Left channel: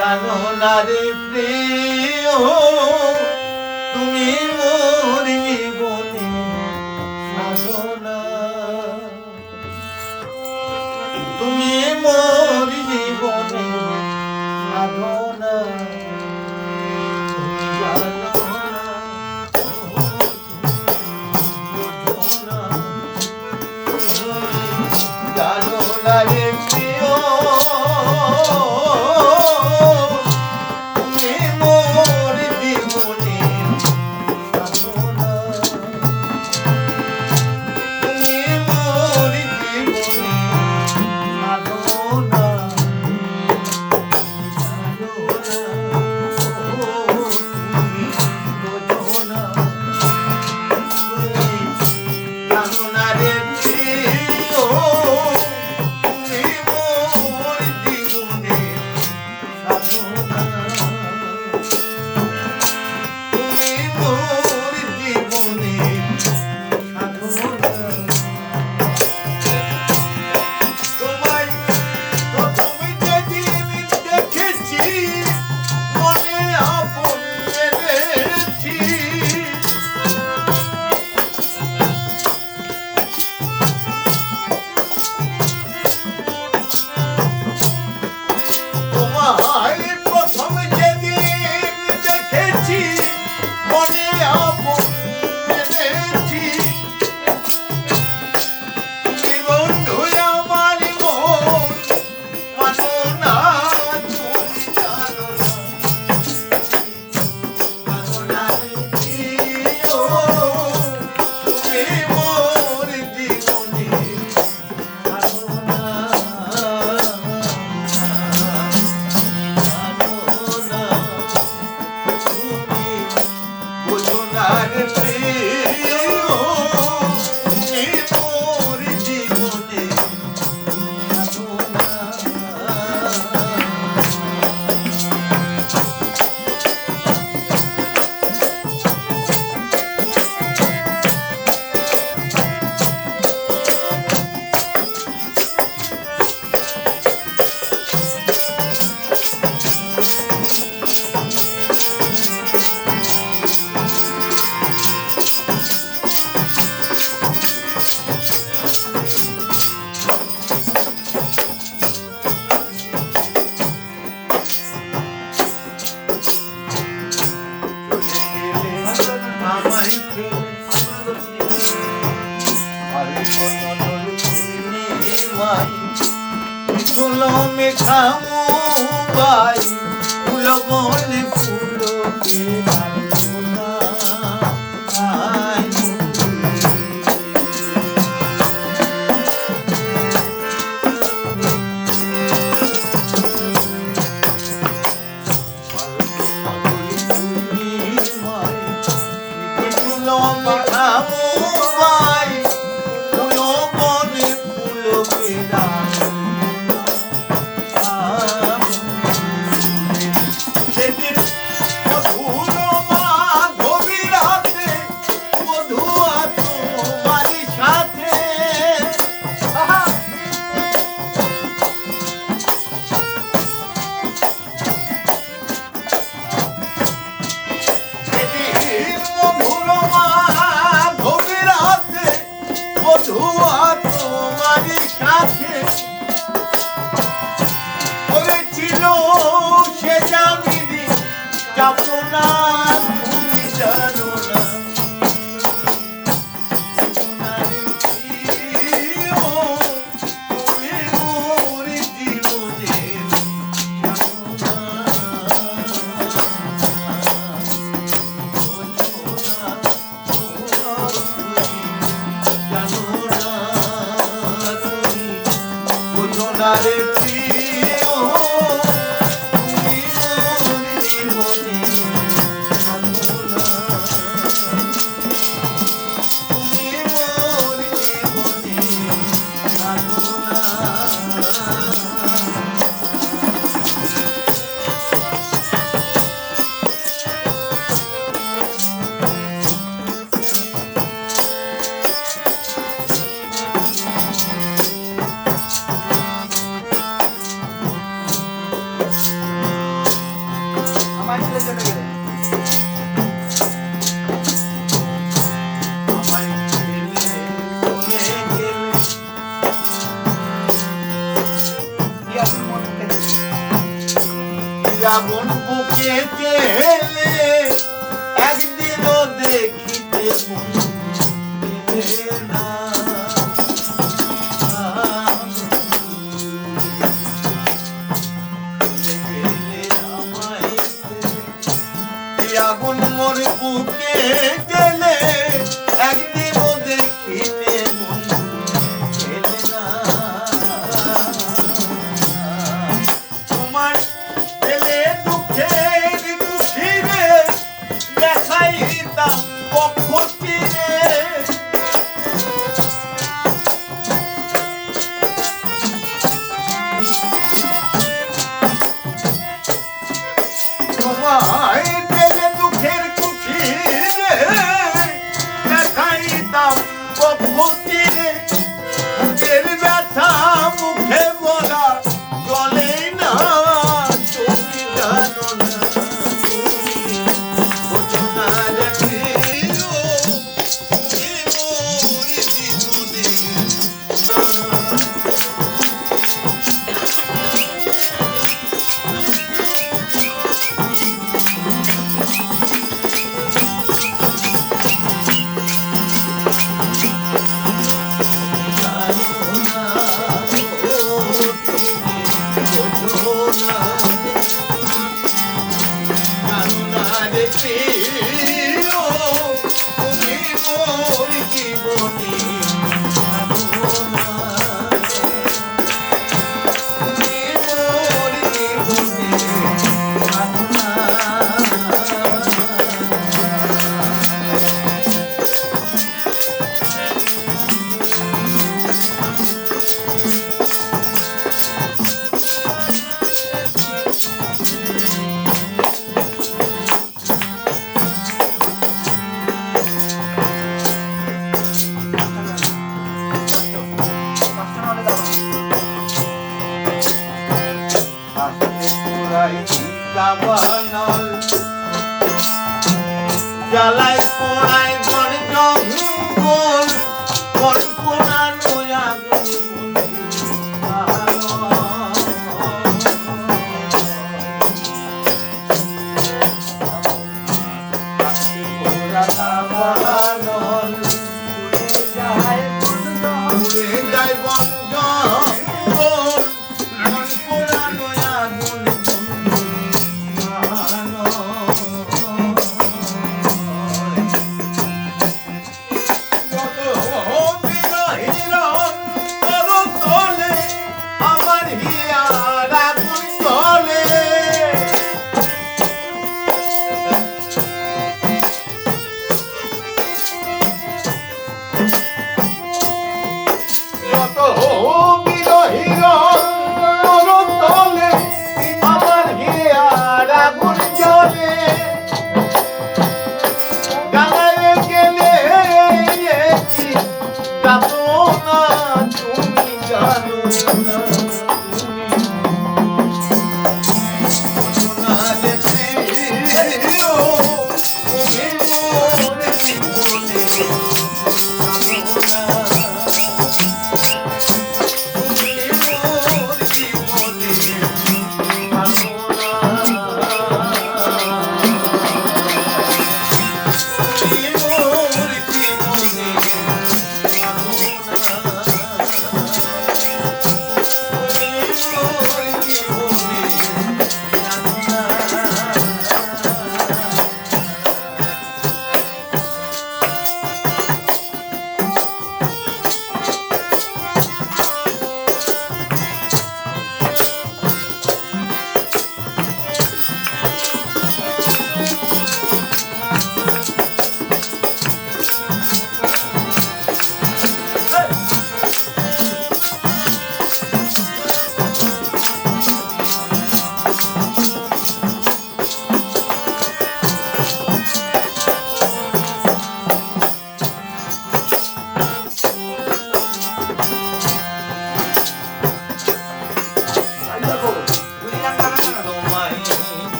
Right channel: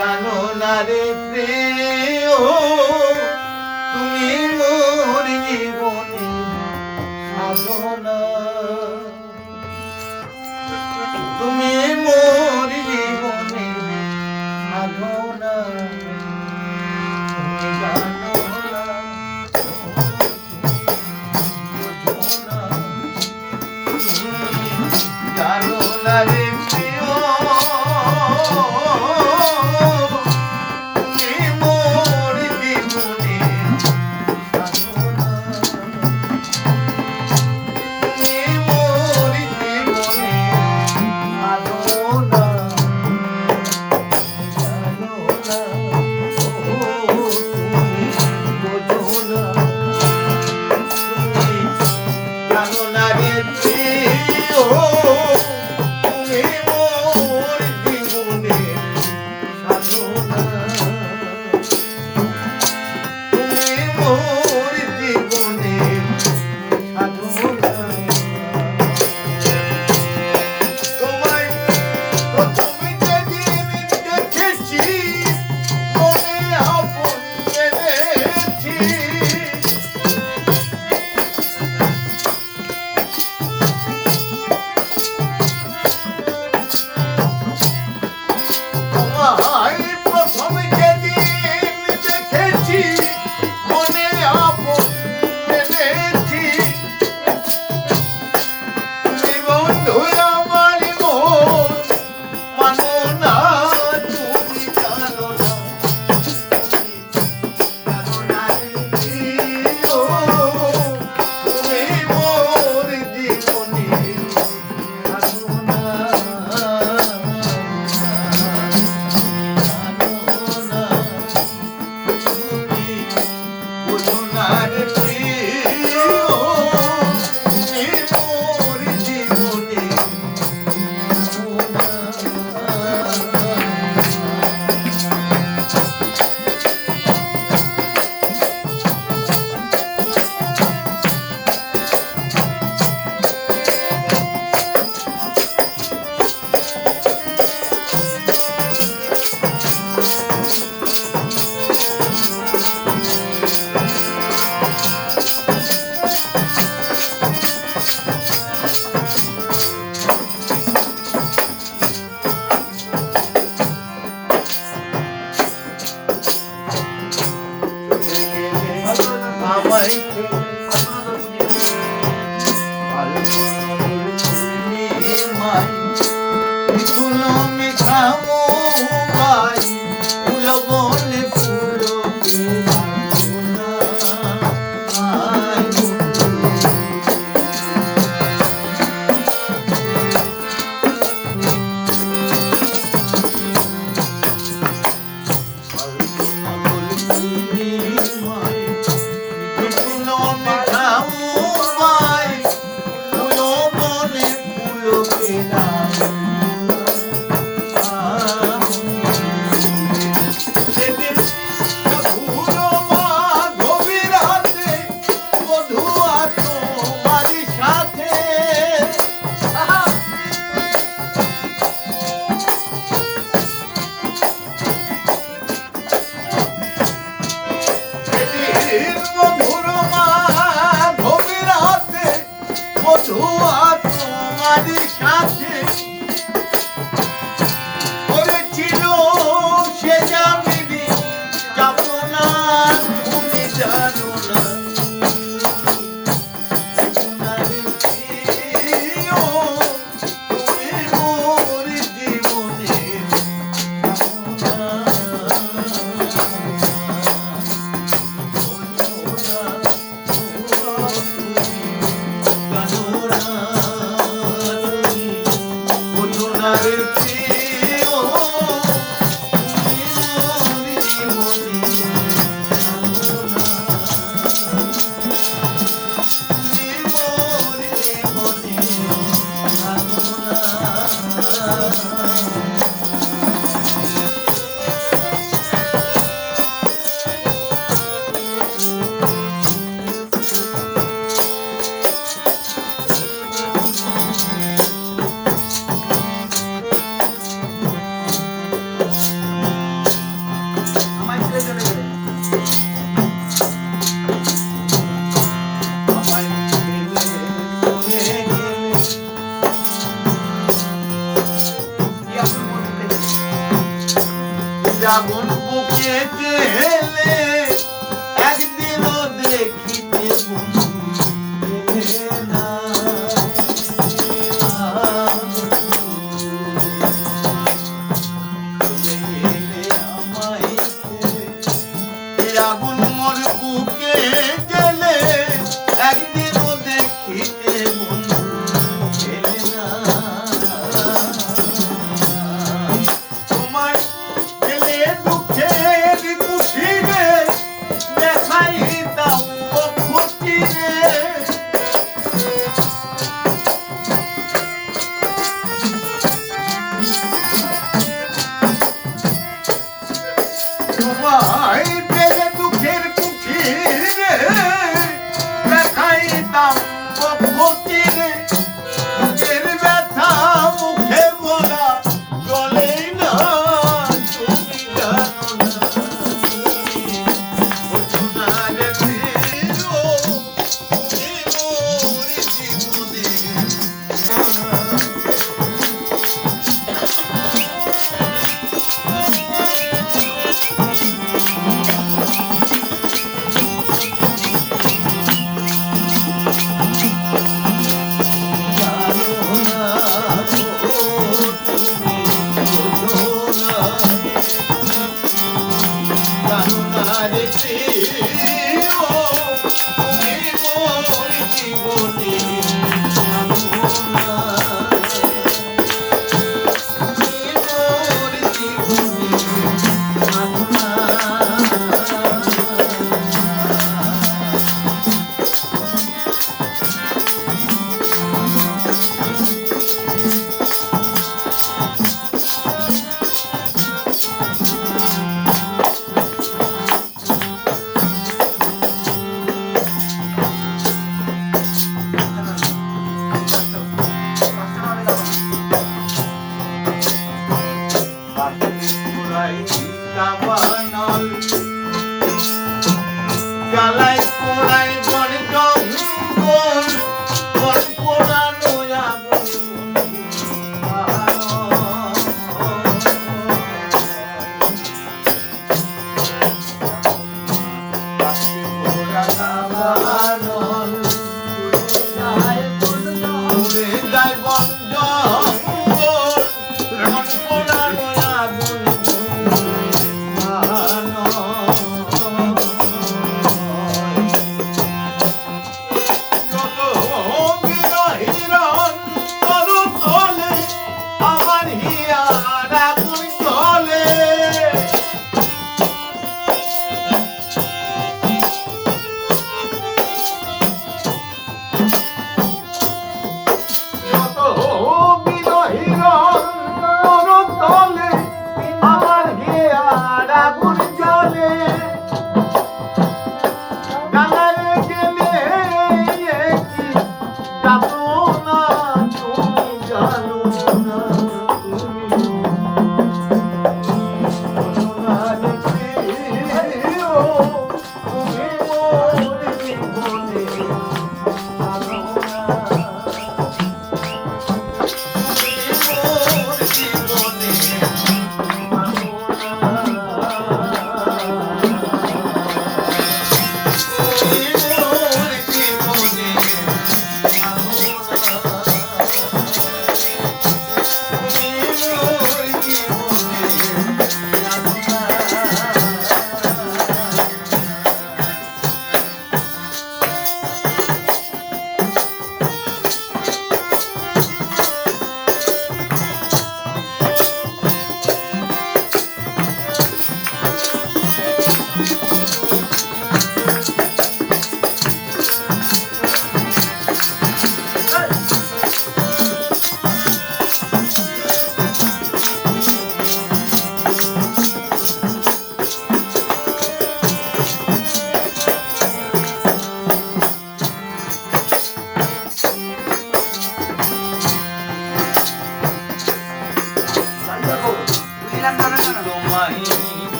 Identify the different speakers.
Speaker 1: জানো নারী প্রিয়।